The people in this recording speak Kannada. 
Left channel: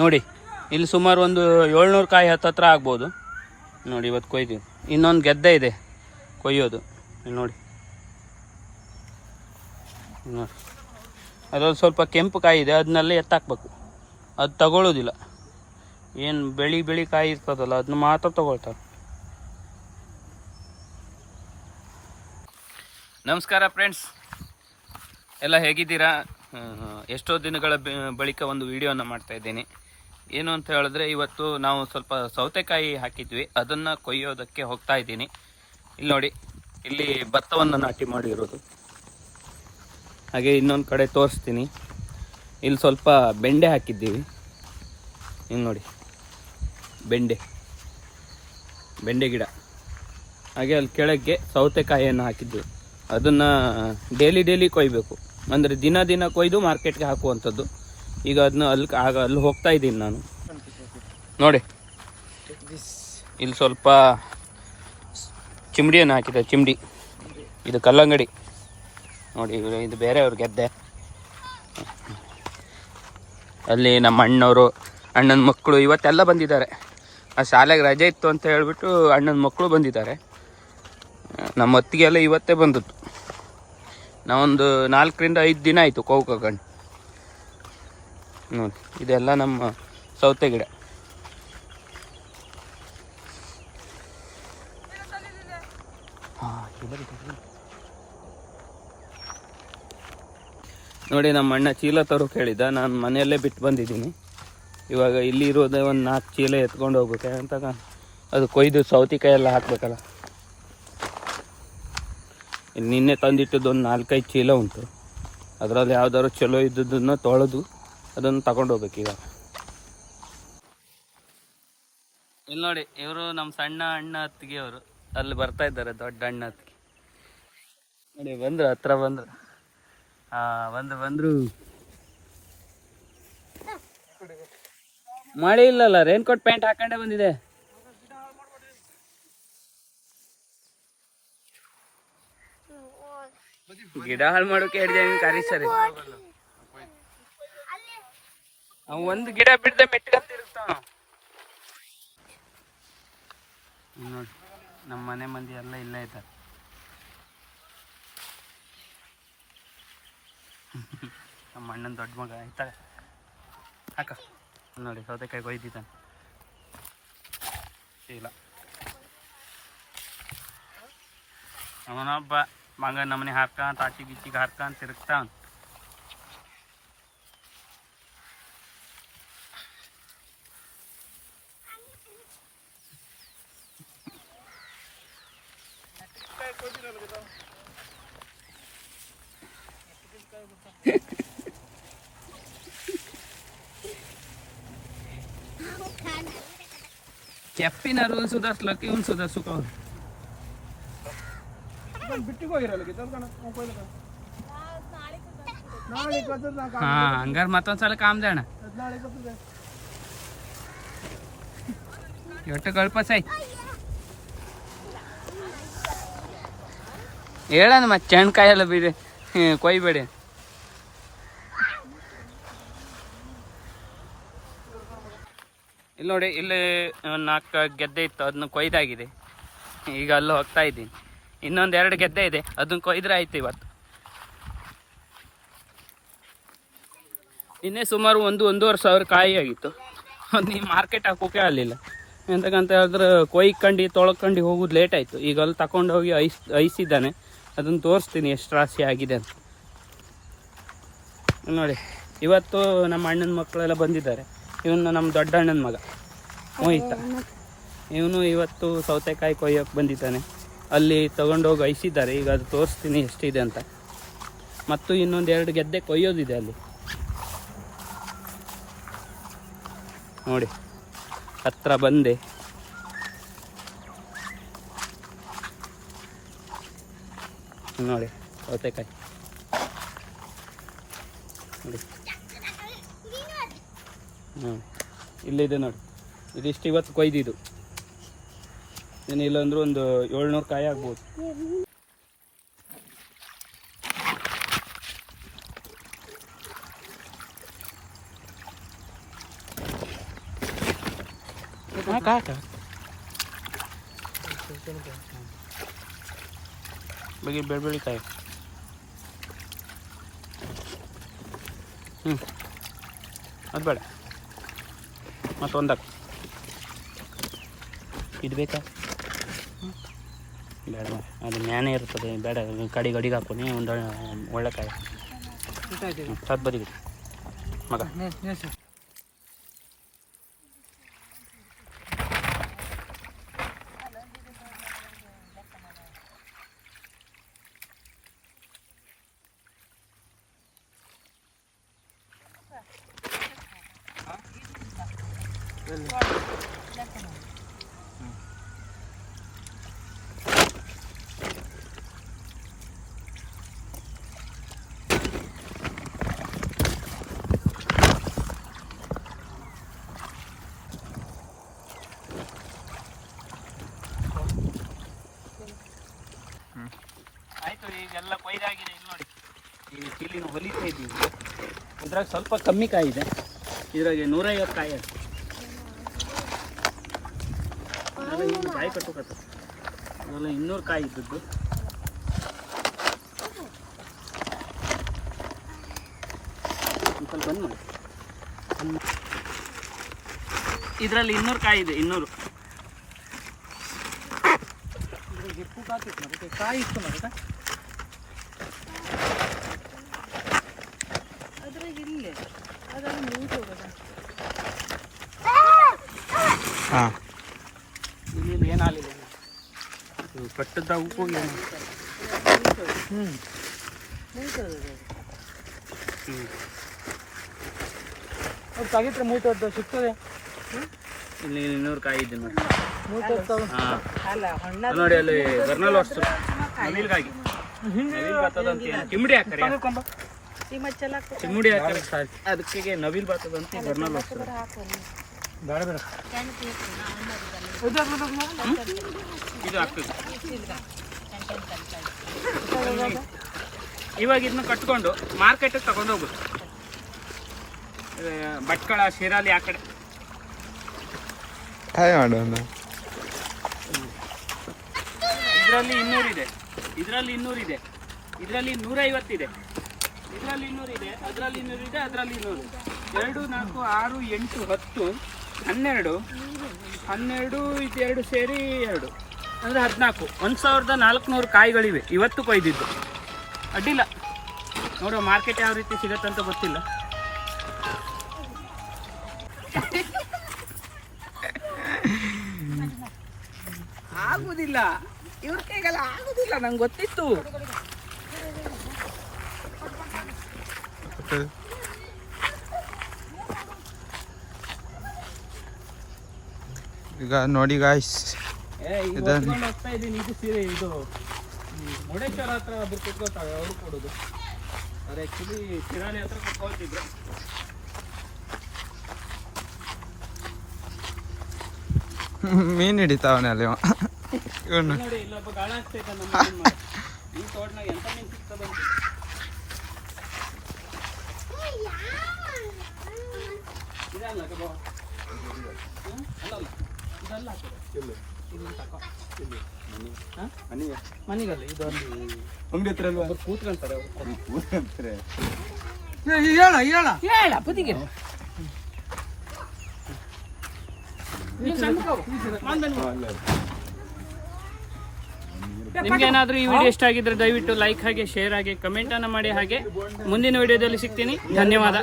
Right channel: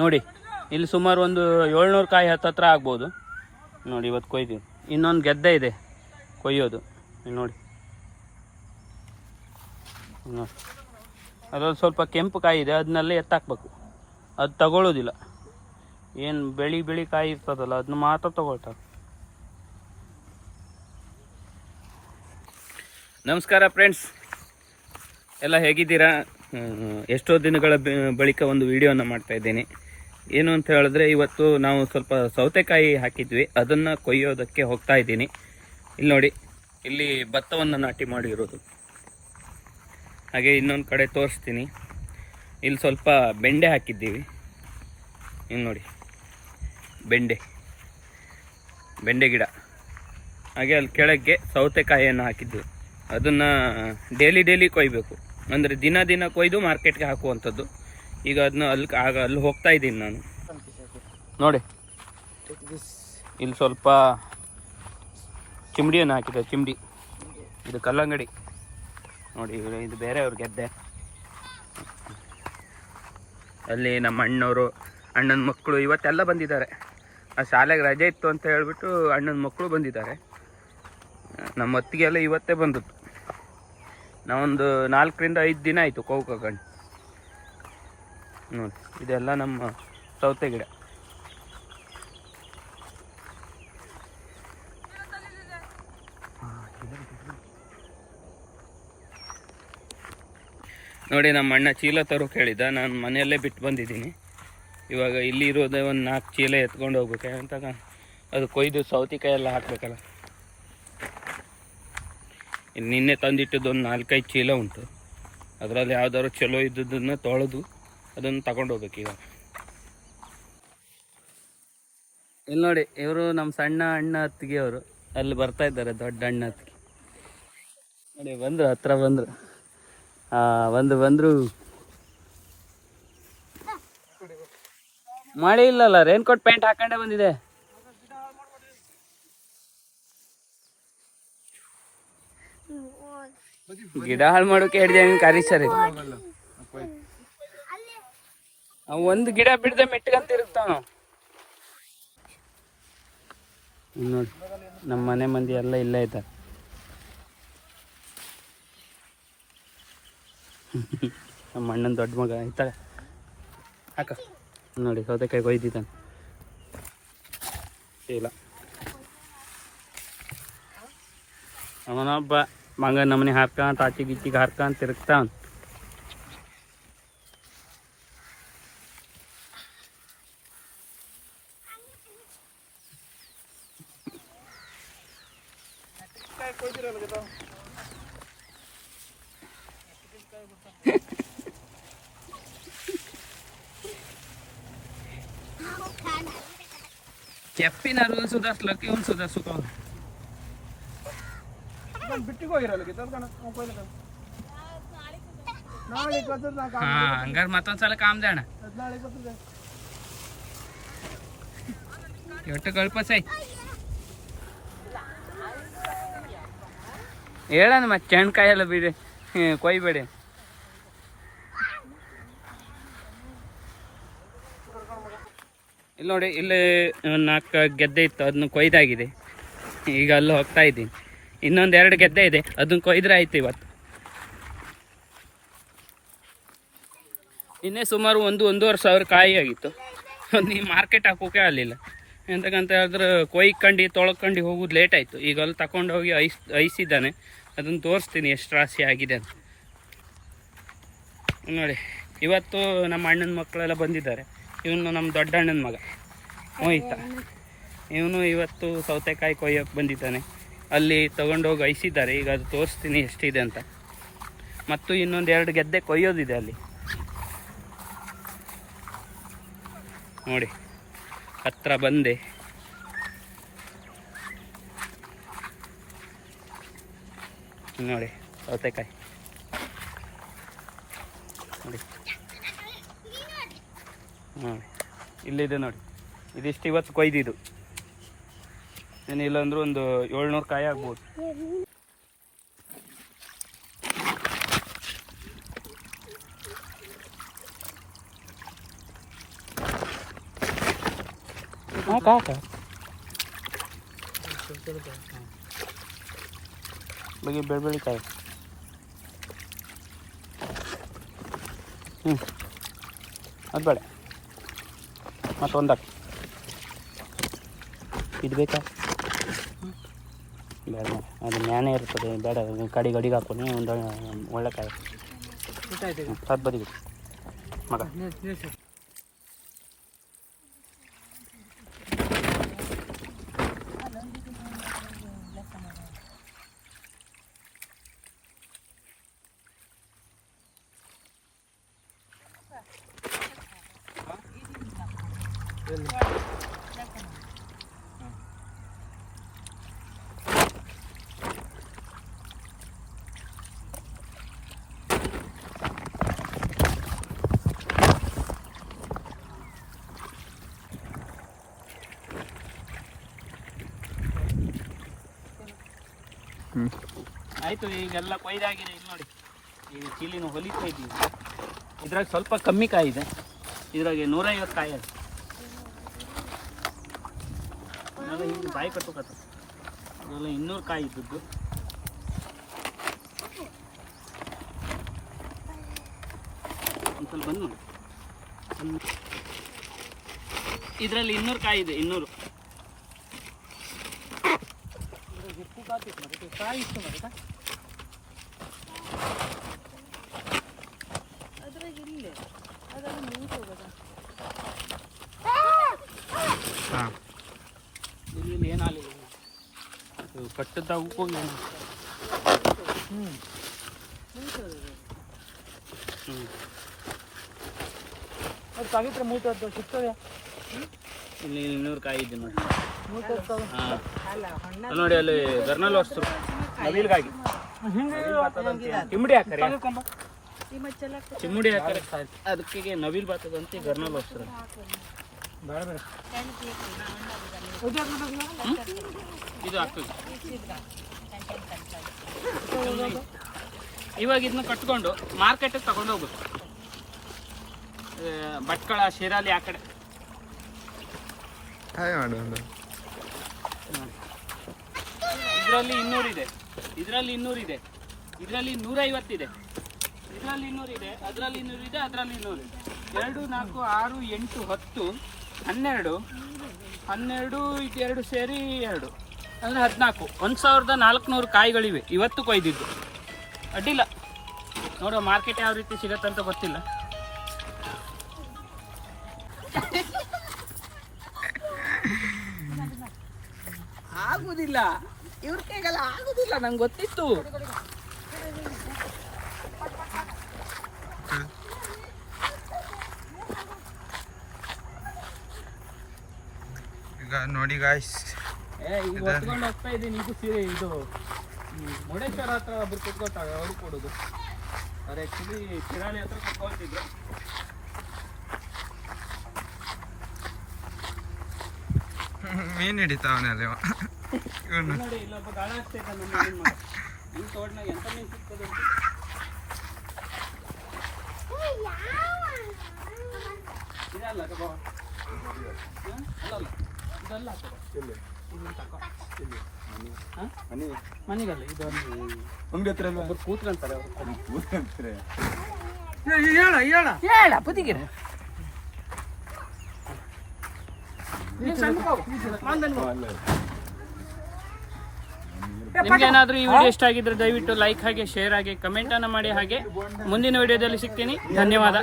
ನೋಡಿ, ಇಲ್ಲಿ ಸುಮಾರು ಒಂದು ಏಳ್ನೂರು ಕಾಯಿ ಹತ್ತತ್ರ ಆಗ್ಬೋದು. ನೋಡಿ, ಇವತ್ತು ಕೊಯ್ತೀವಿ ಇನ್ನೊಂದು ಗೆದ್ದೆ ಇದೆ ಕೊಯ್ಯೋದು. ನೋಡಿ. ನೋಡಿ. ಅದರಲ್ಲಿ ಸ್ವಲ್ಪ ಕೆಂಪು ಕಾಯಿ ಇದೆ ಅದನ್ನೆಲ್ಲ ಎತ್ತಾಕ್ಬೇಕು. ಅದು ತಗೊಳ್ಳೋದಿಲ್ಲ ಏನು ಬೆಳಿ ಬೆಳಿ ಕಾಯಿ ಇರ್ತದಲ್ಲ ಅದನ್ನ ಮಾತ್ರ ತಗೊಳ್ತಾರೆ. ನಮಸ್ಕಾರ ಫ್ರೆಂಡ್ಸ್. ಎಲ್ಲ ಹೇಗಿದ್ದೀರಾ? ಎಷ್ಟೋ ದಿನಗಳ ಬಳಿಕ ಒಂದು ವಿಡಿಯೋನ ಮಾಡ್ತಾ ಇದ್ದೀನಿ. ಏನು ಅಂತ ಹೇಳಿದ್ರೆ ಇವತ್ತು ನಾವು ಸ್ವಲ್ಪ ಸೌತೆಕಾಯಿ ಹಾಕಿದ್ವಿ. ಅದನ್ನು ಕೊಯ್ಯೋದಕ್ಕೆ ಹೋಗ್ತಾ ಇದ್ದೀನಿ. ಇಲ್ಲಿ ನೋಡಿ, ಇಲ್ಲಿ ಭತ್ತವನ್ನು ನಾಟಿ ಮಾಡಿರೋದು. ಹಾಗೆ ಇನ್ನೊಂದು ಕಡೆ ತೋರಿಸ್ತೀನಿ. ಇಲ್ಲಿ ಸ್ವಲ್ಪ ಬೆಂಡೆ ಹಾಕಿದ್ದೀವಿ. ಇನ್ನು ನೋಡಿ, ಬೆಂಡೆ ಬೆಂಡೆ ಗಿಡ. ಹಾಗೆ ಅಲ್ಲಿ ಕೆಳಗೆ ಸೌತೆಕಾಯಿಯನ್ನು ಹಾಕಿದ್ದು ಅದನ್ನು ಡೇಲಿ ಡೇಲಿ ಕೊಯ್ಬೇಕು. ಅಂದರೆ ದಿನ ದಿನ ಕೊಯ್ದು ಮಾರ್ಕೆಟ್ಗೆ ಹಾಕುವಂಥದ್ದು. ಈಗ ಅದನ್ನ ಅಲ್ಲಿ ಆಗ ಅಲ್ಲಿ ಹೋಗ್ತಾ ಇದ್ದೀನಿ ನಾನು. ನೋಡಿ. ಇಲ್ಲಿ ಸ್ವಲ್ಪ ಚಿಮ್ಡಿಯನ್ನು ಹಾಕಿದೆ, ಚಿಮ್ಡಿ. ಇದು ಕಲ್ಲಂಗಡಿ. ನೋಡಿ, ಇದು ಬೇರೆಯವ್ರ ಗೆದ್ದೆ. ಅಲ್ಲಿ ನಮ್ಮ ಅಣ್ಣವರು, ಅಣ್ಣನ ಮಕ್ಕಳು ಇವತ್ತೆಲ್ಲ ಬಂದಿದ್ದಾರೆ. ಆ ಶಾಲೆಗೆ ರಜೆ ಇತ್ತು ಅಂತ ಹೇಳ್ಬಿಟ್ಟು ಅಣ್ಣನ ಮಕ್ಕಳು ಬಂದಿದ್ದಾರೆ. ನಮ್ಮ ಅತ್ತಿಗೆಲ್ಲ ಇವತ್ತೇ ಬಂದದ್ದು. ನಾವೊಂದು ನಾಲ್ಕರಿಂದ ಐದು ದಿನ ಆಯಿತು ಕೌಕಗಂಡು ನೋಡಿ, ಇದೆಲ್ಲ ನಮ್ಮ ಸೌತೆ ಗಿಡ. ನೋಡಿ, ನಮ್ಮ ಅಣ್ಣ ಚೀಲ ತರೋಕೆ ಹೇಳಿದ್ದ. ನಾನು ಮನೆಯಲ್ಲೇ ಬಿಟ್ಟು ಬಂದಿದ್ದೀನಿ. ಇವಾಗ ಇಲ್ಲಿ ಇರೋದೇ ಒಂದು ನಾಲ್ಕು ಚೀಲ ಎತ್ಕೊಂಡು ಹೋಗ್ಬೇಕು. ಅಂತ ಅದು ಕೊಯ್ದು ಸೌತಿಕಾಯಿ ಎಲ್ಲ ಹಾಕಬೇಕಲ್ಲ. ನಿನ್ನೆ ತಂದಿಟ್ಟಿದ್ದು ಒಂದು ನಾಲ್ಕೈದು ಚೀಲ ಉಂಟು. ಅದರಲ್ಲಿ ಯಾವ್ದಾದ್ರು ಚಲೋ ಇದ್ದದನ್ನು ತೊಳೆದು ಅದನ್ನು ತಗೊಂಡು ಹೋಗ್ಬೇಕು ಈಗ. ಇಲ್ಲಿ ನೋಡಿ, ಇವರು ನಮ್ಮ ಸಣ್ಣ ಅಣ್ಣ ಅತ್ತಿಗೆ ಅವರು. ಅಲ್ಲಿ ಬರ್ತಾ ಇದ್ದಾರೆ ದೊಡ್ಡ ಅಣ್ಣ ಅತ್ತಿಗೆ. ನೋಡಿ, ಬಂದರು, ಹತ್ರ ಬಂದರು. ಹಾ ಬಂದ್ರು. ಮಳೆ ಇಲ್ಲಲ್ಲ ರೇನ್ಕೋಟ್ ಪ್ಯಾಂಟ್ ಹಾಕೊಂಡೇ ಬಂದಿದೆ. ಗಿಡ ಹಾಳು ಮಾಡೋಕೆ ಹಿಡ್ದೆ ಹಂಗೆ ಕರಿ ಸರಿ? ಒಂದು ಗಿಡ ಬಿಡದೆ ಮೆಟ್ಕಂತ ಇರ್ತಾವ ನೋಡಿ ನಮ್ಮ ಮನೆ ಮಂದಿ ಎಲ್ಲ ಇಲ್ಲೇ ಇದ್ದಾರೆ. ನಮ್ಮ ಅಣ್ಣನ ದೊಡ್ಡ ಮಗ ಆಯ್ತಾಗ ಹಾಕ. ನೋಡಿ, ಸೌತೆಕಾಯಿ ಕೊಯ್ದಿದ್ದಾನೆ ಇಲ್ಲ. ಅವನೊಬ್ಬ ಮಗ ನಮ್ಮನೆ ಹಾರ್ಕಂತ ಆಚೆ ಗಿಚ್ಚಿಗೆ ಹಾರ್ಕಂತ ತಿರುಗ್ತಾವ ಕೆಪ್ಪಿನ ರೂಲ್ ಸುಧಾರಿಸ್ಲಕ್ಕೆ ಇವ್ನು ಸುಧಾರಿಸುತ್ತ ಬಿಟ್ಟಿಗೆ ಹೋಗಿರಲ್ಲ ನಾಳೆ ಕತ್ತದ ನಾ ಹಾ ಹಂಗಾರೆ ಮತ್ತೊಂದ್ಸಲ ಕಾಮ್ದಣ್ಣ ನಾಳೆ ಕತ್ತದ ಎಷ್ಟು ಕಳ್ಪಸೈ ಹೇಳಣ ಮತ್ತೆ ಚೆಣ್ಕಾಯಿ ಎಲ್ಲ ಬಿಡಿ ಹ್ಮ್, ಕೊಯ್ಬೇಡಿ ಇಲ್ಲಿ ನೋಡಿ, ಇಲ್ಲಿ ನಾಲ್ಕು ಗೆದ್ದೆ ಇತ್ತು, ಅದನ್ನ ಕೊಯ್ದಾಗಿದೆ. ಈಗ ಅಲ್ಲೂ ಹೋಗ್ತಾ ಇದ್ದೀನಿ. ಇನ್ನೊಂದು ಎರಡು ಗೆದ್ದೆ ಇದೆ, ಅದನ್ನ ಕೊಯ್ದ್ರೆ ಆಯ್ತು ಇವತ್ತು. ಇನ್ನೇ ಸುಮಾರು ಒಂದು, ಒಂದೂವರೆ ಸಾವಿರ ಕಾಯಿ ಆಗಿತ್ತು. ಈ ಮಾರ್ಕೆಟ್ ಹಾಕೋಕೆ ಆಗಲಿಲ್ಲ. ಎಂತಕ್ಕಂತ ಹೇಳಿದ್ರೆ, ಕೊಯ್ಕಂಡು, ತೊಳ್ಕೊಂಡು ಹೋಗೋದು ಲೇಟ್ ಆಯಿತು. ಈಗ ಅಲ್ಲಿ ತಗೊಂಡು ಹೋಗಿ ಐಸ್, ಐಸಿದ್ದಾನೆ. ಅದನ್ನು ತೋರಿಸ್ತೀನಿ ಎಷ್ಟು ರಾಶಿ ಆಗಿದೆ ಅಂತ. ನೋಡಿ, ಇವತ್ತು ನಮ್ಮ ಅಣ್ಣನ ಮಕ್ಕಳೆಲ್ಲ ಬಂದಿದ್ದಾರೆ. ಇವನು ನಮ್ಮ ದೊಡ್ಡಣ್ಣನ ಮಗ. ಮೋಹಿತ. ಇವನು ಇವತ್ತು ಸೌತೆಕಾಯಿ ಕೊಯ್ಯೋಕೆ ಬಂದಿದ್ದಾನೆ. ಅಲ್ಲಿ ತೊಗೊಂಡೋಗಿ ಐಸಿದ್ದಾರೆ. ಈಗ ಅದು ತೋರಿಸ್ತೀನಿ ಎಷ್ಟಿದೆ ಅಂತ. ಮತ್ತು ಇನ್ನೊಂದು ಎರಡು ಗೆದ್ದೆ ಕೊಯ್ಯೋದಿದೆ ಅಲ್ಲಿ. ನೋಡಿ. ಹತ್ರ ಬಂದೆ. ನೋಡಿ, ಸೌತೆಕಾಯಿ. ನೋಡಿ. ನೋಡಿ. ಇಲ್ಲಿದೆ ನೋಡಿ. ಇದಿಷ್ಟು ಇವತ್ತು ಕೊಯ್ದಿದ್ದು. ಏನಿಲ್ಲ ಅಂದ್ರೆ ಒಂದು ಏಳ್ನೂರು ಕಾಯಿ ಆಗ್ಬೋದು. ಬಗ್ಗೆ ಬೆಳ ಕಾಯಿ. ಹ್ಞೂ ಅದು ಬೇಡ. ಮತ್ತೊಂದಾಕ ಇದು ಬೇಕಾ. ಬೇಡ. ಅದು ಮ್ಯಾನೇ ಇರ್ತದೆ, ಬೇಡ. ಕಡಿ ಗಡಿಗೆ ಹಾಕೋನಿ ಒಂದು ಒಳ್ಳೆ ಕಾಯಿ. ಅದು ಬದಿಗೆ ಮಗ. ಆಯಿತು, ಈಗೆಲ್ಲ ಕೊಯ್ದಾಗಿದೆ, ಇಲ್ಲಿ ನೋಡಿ. ಈಗ ಚೀಲಿನ ಹೊಲಿತಾ ಇದ್ದೀವಿ. ಇದ್ರಾಗ ಸ್ವಲ್ಪ ಕಮ್ಮಿ ಕಾಯಿದೆ. ಇದ್ರಾಗೆ ನೂರೈವತ್ತು ಕಾಯಿ ಇದೆ ಇವೆಲ್ಲ ಇನ್ನು ಬಾಯಿ ಕಟ್ಟುಕತ್ತ ಅದೆಲ್ಲ ಇನ್ನೂರು ಕಾಯಿ ಇದ್ದದ್ದು. ಒಂದು ಸ್ವಲ್ಪ ಬಂದ್ ಮಾಡಿ. ಇದರಲ್ಲಿ ಇನ್ನೂರು ಕಾಯಿ ಇದೆ ಇನ್ನೂರು. ಕಾಯಿ ಇತ್ತು ಮಾರ್ರೆ. ಹಾಂ ಇಲ್ಲಿ ಇಲ್ಲಿ ಏನಾಗಲಿಲ್ಲ ಇದು ಕಟ್ಟದಾಗ ಹೋಗಿ ಏನು. ಹ್ಮ್. ಹ್ಞೂ ಅದು ಮೂಟದ್ದು ಸಿಗ್ತದೆ. ಇಲ್ಲಿ ಇನ್ನೂರು ಕಾಯಿ ಇದೆ ನೋಡಿ. ಹಾಂ. ನೋಡಿ ಅಲ್ಲಿ ಗರ್ನಲ್ ವರ್ಷ ನವಿಲ್ಗಾಗಿ. ನವಿಲ್ ಹಾಕ್ತಾರೆ. ತಗೊಂಬ ಚಿಮ್ಮುಡಿ ಹಾಕ್ತಾರೆ. ಅದಕ್ಕೆ ನವಿಲ್ ಬರ್ತದಂತ ಗರ್ನಲ್ ವರ್ಷ ಇದು ಆಗ್ತದೆ ಇವಾಗ ಇದನ್ನ ಕಟ್ಕೊಂಡು ಮಾರ್ಕೆಟಿಗೆ ತಗೊಂಡು ಹೋಗುದು ಭಟ್ಕಳ ಶಿರಾಲಿ ಆ ಕಡೆ. ಇದರಲ್ಲಿ ಇನ್ನೂರಿದೆ. ಇದರಲ್ಲಿ ಇನ್ನೂರಿದೆ. ಇದರಲ್ಲಿ ನೂರೈವತ್ತಿದೆ. ಇದರಲ್ಲಿ ಇನ್ನೂರಿದೆ ಅದರಲ್ಲಿ ಇನ್ನೂರಿದೆ ಅದರಲ್ಲಿ ಇನ್ನೂರು ಎರಡು ನಾಲ್ಕು ಆರು ಎಂಟು ಹತ್ತು. ಹನ್ನೆರಡು. ಹನ್ನೆರಡು, ಇದೆರಡು ಸೇರಿ ಎರಡು. ಅಂದರೆ ಹದಿನಾಲ್ಕು. ಒಂದು ಸಾವಿರದ ನಾಲ್ಕುನೂರು ಕಾಯಿಗಳಿವೆ. ಇವತ್ತು ಕೊಯ್ದಿದ್ದು. ಅಡ್ಡಿಲ್ಲ. ನೋಡುವ ಮಾರ್ಕೆಟ್ ಯಾವ ರೀತಿ ಸಿಗತ್ತಂತ ಗೊತ್ತಿಲ್ಲ. ಆಗುದಿಲ್ಲ. ಇವ್ರ ಕೈಗೆಲ್ಲ ಆಗುದಿಲ್ಲ. ನಂಗೆ ಗೊತ್ತಿತ್ತು. ಈಗ ನೋಡಿ ಗಾಯ್ಸ್ ಹೋಗ್ತಾ ಇದ್ದೀನಿ ಇದು ಸೀರೆ ಇದು ಹತ್ರ ಒಬ್ರು ಅವ್ರು ಕೊಡೋದು. ಆ್ಯಕ್ಚುಲಿ ಕಿರಾಣಿ ಹತ್ರ ಕುತ್ಕೊಳ್ತಿದ್ರು ಮೀನು ಹಿಡಿತಾವನೆ ಅಲ್ಲಿ ಇಲ್ಲ ಇವನು. ನೋಡಿ ಇಲ್ಲೊಬ್ಬ ಗಾಳ ಆಗ್ತಾ ನಮ್ಮ ಮೀನ್ ಮಾಡ. ಈ ತೋಟನಾಗ ಎಂತ ಮೀನು ಸಿಗ್ತದೆ ಅಂತ. ಇದಲ್ಲ ಕಬ ಅಲ್ಲಲ್ಲ. ನಿಮ್ಗೇನಾದ್ರೂ ಈ ವಿಡಿಯೋ ಇಷ್ಟ ಆಗಿದ್ರೆ ದಯವಿಟ್ಟು ಲೈಕ್ ಹಾಗೆ ಶೇರ್ ಹಾಗೆ ಕಮೆಂಟ್ ಅನ್ನ ಮಾಡಿ ಹಾಗೆ. ಮುಂದಿನ ವಿಡಿಯೋದಲ್ಲಿ ಸಿಗ್ತೀನಿ. ಧನ್ಯವಾದ.